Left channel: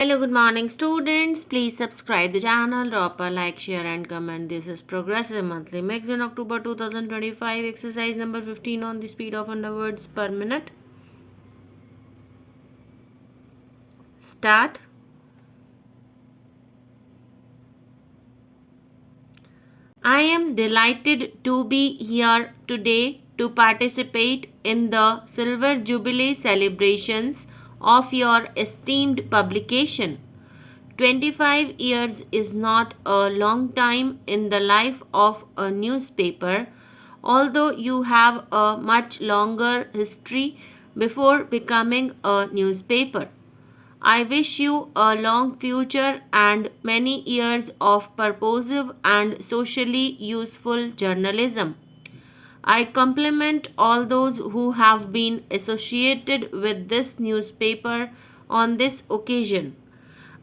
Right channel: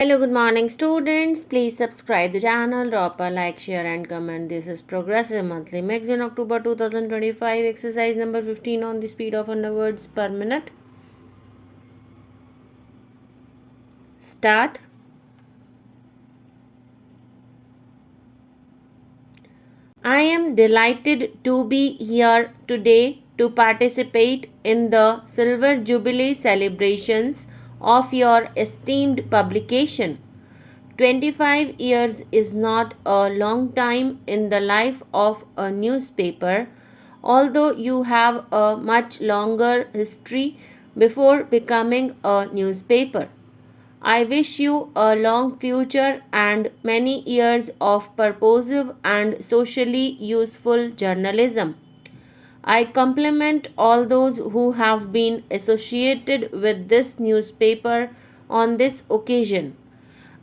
Hello, good morning, students. Please subscribe the channel, drop a like, share, and comment. This is Progressive Monthly Magazine, October 2025, exercise number 15 on the speed of underwords per minute. Start. I am delighted to be here today to participate in the Silver Jubilee celebrations of your esteemed publication. 25 years is not a long time in the life of a newspaper, although you have a much longer history before becoming a newspaper. I wish you a long future and many years of purposive and socially useful journalism. I compliment all those who have been associated with this newspaper on this occasion.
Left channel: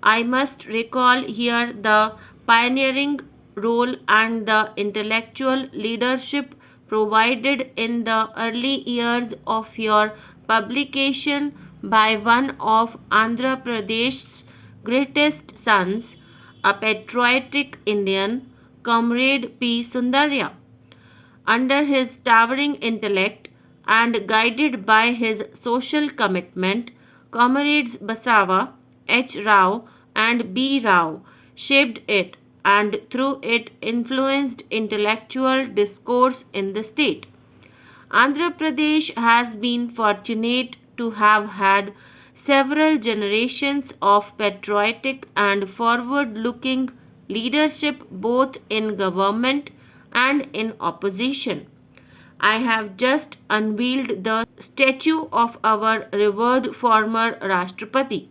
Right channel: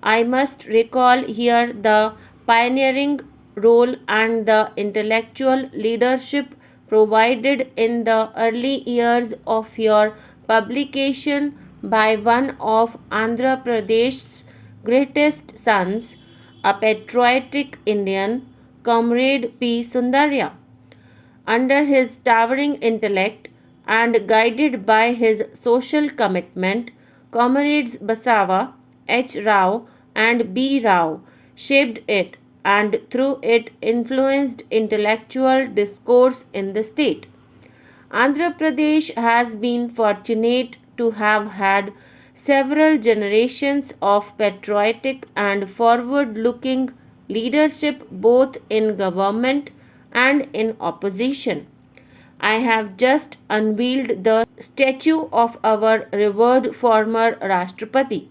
I must recall here the pioneering role and the intellectual leadership provided in the early years of your publication by one of Andhra Pradesh's greatest sons, a patriotic Indian, Comrade P. Sundarya. Under his towering intellect and guided by his social commitment, comrades Basava, H. Rao, and B. Rao shaped it and through it influenced intellectual discourse in the state. Andhra Pradesh has been fortunate to have had several generations of patriotic and forward looking leadership both in government and in opposition. I have just unveiled the statue of our revered former Rashtrapati.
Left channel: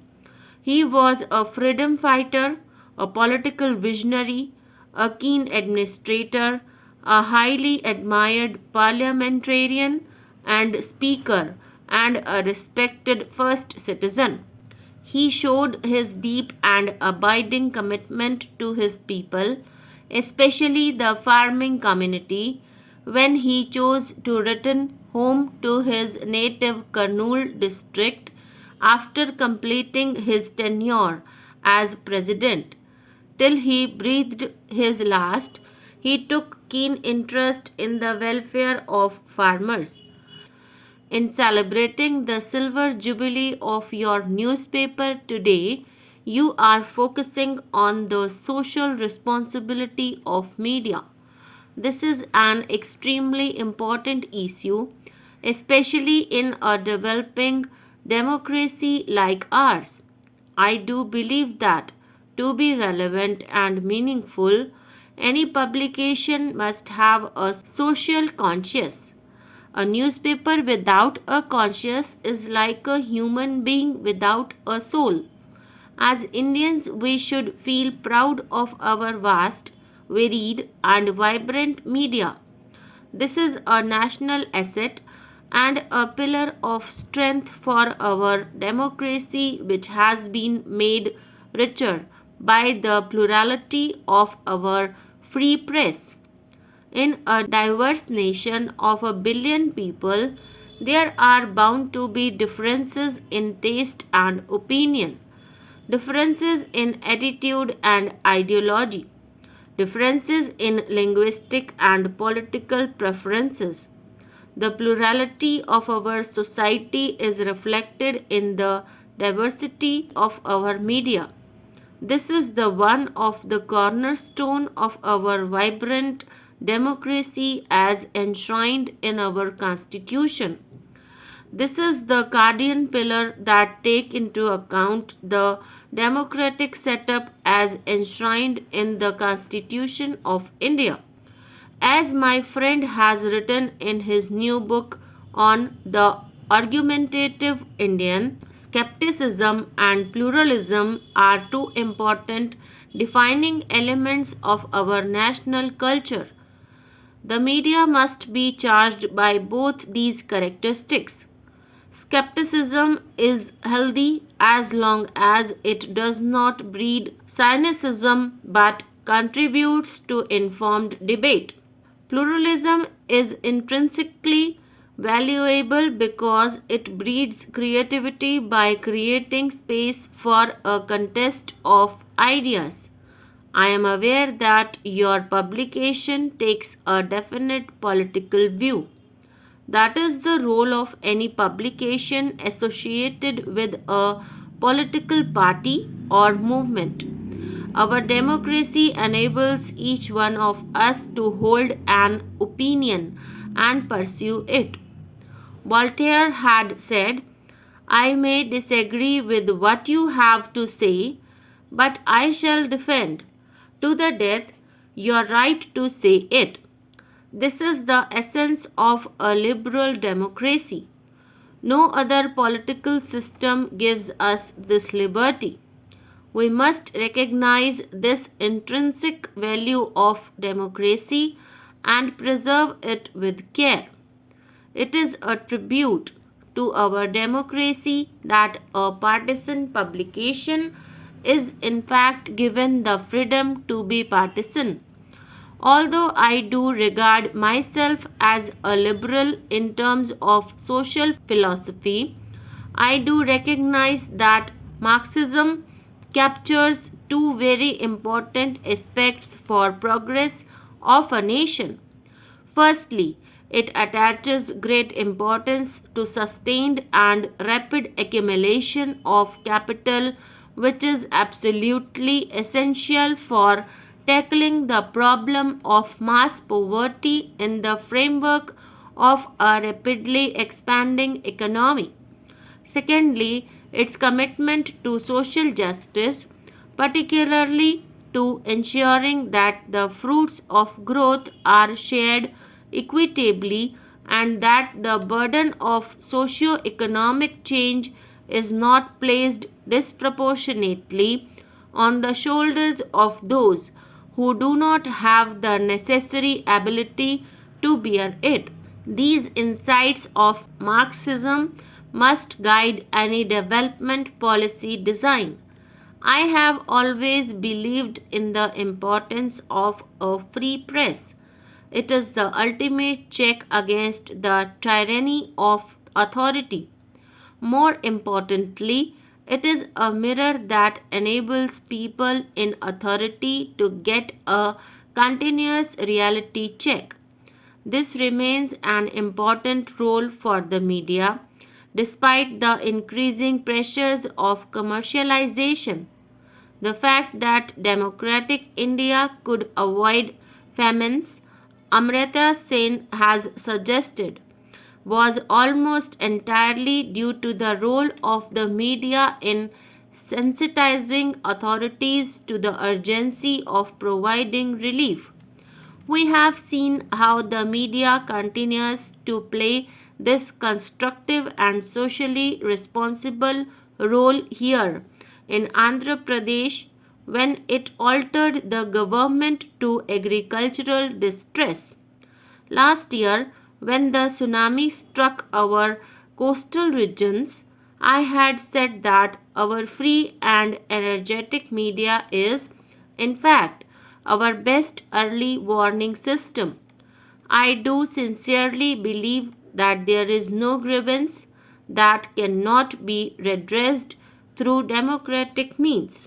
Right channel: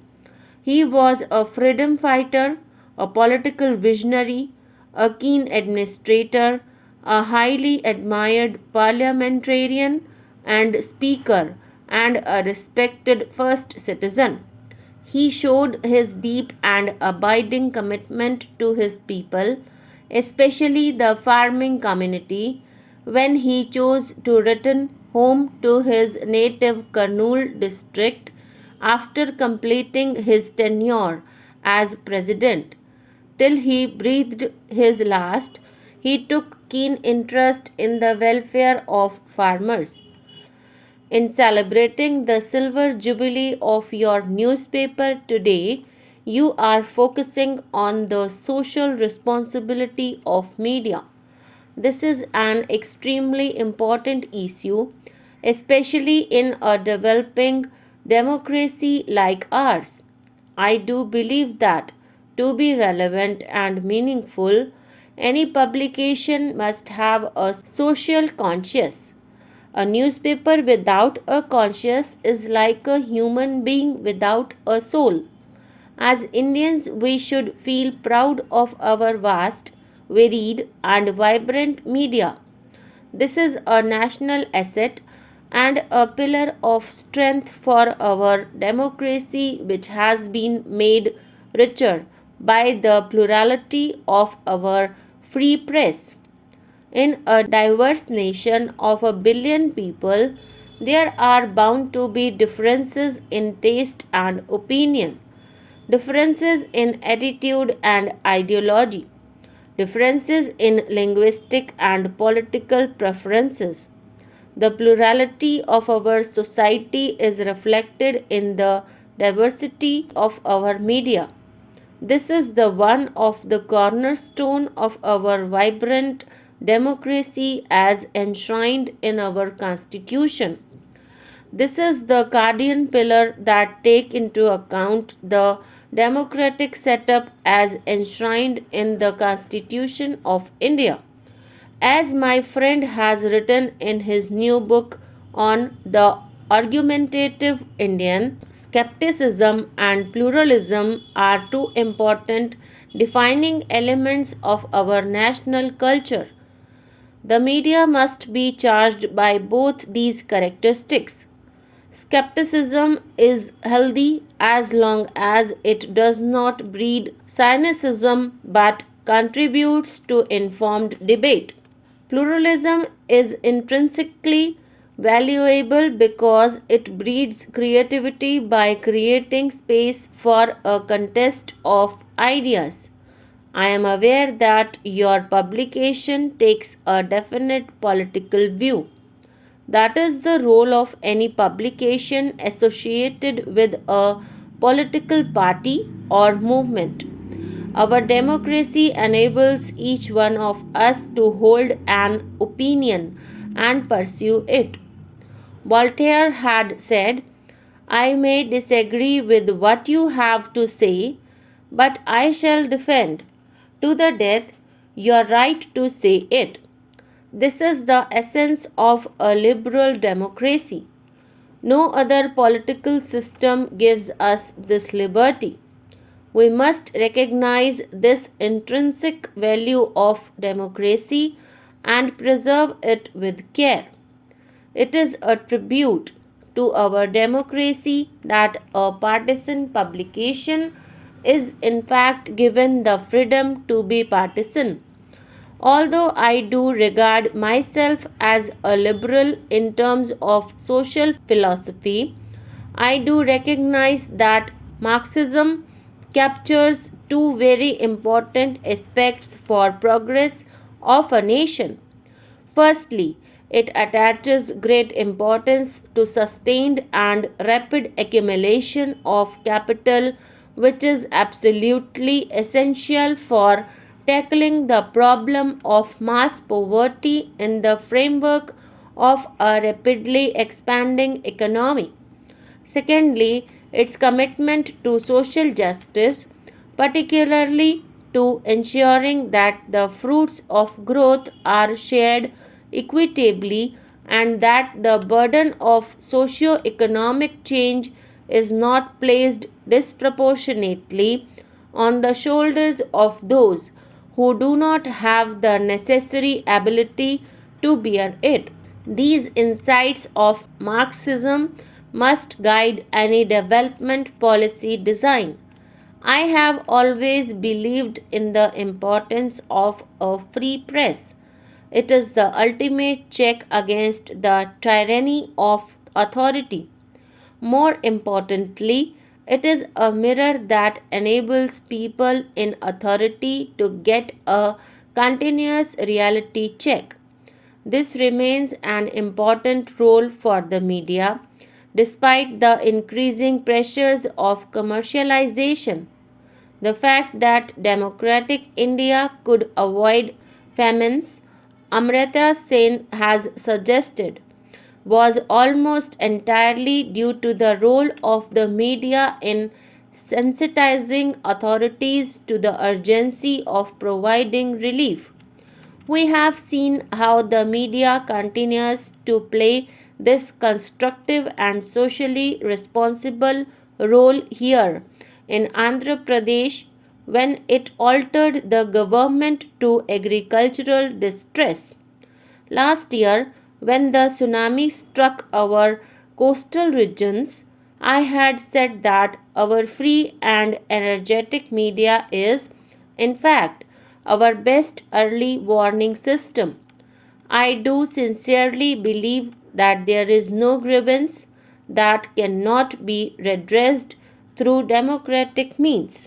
He was a freedom fighter, a political visionary, a keen administrator, a highly admired parliamentarian and speaker, and a respected first citizen. He showed his deep and abiding commitment to his people, especially the farming community, when he chose to return home to his native Kurnool district after completing his tenure as president. Till he breathed his last, he took keen interest in the welfare of farmers. In celebrating the silver jubilee of your newspaper today, you are focusing on the social responsibility of media. This is an extremely important issue, especially in a developing democracy like ours. I do believe that to be relevant and meaningful, any publication must have a social conscience. A newspaper without a conscience is like a human being without a soul. As Indians, we should feel proud of our vast, varied, and vibrant media. This is a national asset and a pillar of strength for our democracy, which has been made richer by the plurality of our free press. In a diverse nation of a billion people, there are bound to be differences in taste and opinion, differences in attitude and ideology, differences in linguistic and political preferences. The plurality of our society is reflected in the diversity of our media. This is the one of the cornerstone of our vibrant democracy as enshrined in our constitution. This is the guardian pillar that take into account the democratic setup as enshrined in the Constitution of India. As my friend has written in his new book on the argumentative Indian, skepticism and pluralism are two important defining elements of our national culture. The media must be charged by both these characteristics. Skepticism is healthy as long as it does not breed cynicism but contributes to informed debate. Pluralism is intrinsically Valuable because it breeds creativity by creating space for a contest of ideas. I am aware that your publication takes a definite political view. That is the role of any publication associated with a political party or movement. Our democracy enables each one of us to hold an opinion and pursue it. Voltaire had said, I may disagree with what you have to say, but I shall defend to the death your right to say it. This is the essence of a liberal democracy. No other political system gives us this liberty. We must recognize this intrinsic value of democracy and preserve it with care. It is a tribute to our democracy that a partisan publication is in fact given the freedom to be partisan. Although I do regard myself as a liberal in terms of social philosophy, I do recognize that Marxism captures two very important aspects for progress of a nation. Firstly, it attaches great importance to sustained and rapid accumulation of capital, which is absolutely essential for tackling the problem of mass poverty in the framework of a rapidly expanding economy. Secondly, its commitment to social justice, particularly to ensuring that the fruits of growth are shared equitably and that the burden of socio-economic change is not placed disproportionately on the shoulders of those who do not have the necessary ability to bear it. These insights of Marxism must guide any development policy design. I have always believed in the importance of a free press. It is the ultimate check against the tyranny of authority. More importantly, it is a mirror that enables people in authority to get a continuous reality check. This remains an important role for the media despite the increasing pressures of commercialization. The fact that democratic India could avoid famines, Amrita Sen has suggested, was almost entirely due to the role of the media in sensitizing authorities to the urgency of providing relief. We have seen how the media continues to play this constructive and socially responsible role here in Andhra Pradesh when it altered the government to agricultural distress. Last year, when the tsunami struck our coastal regions, I had said that our free and energetic media is, in fact, our best early warning system. I do sincerely believe that there is no grievance that cannot be redressed through democratic means.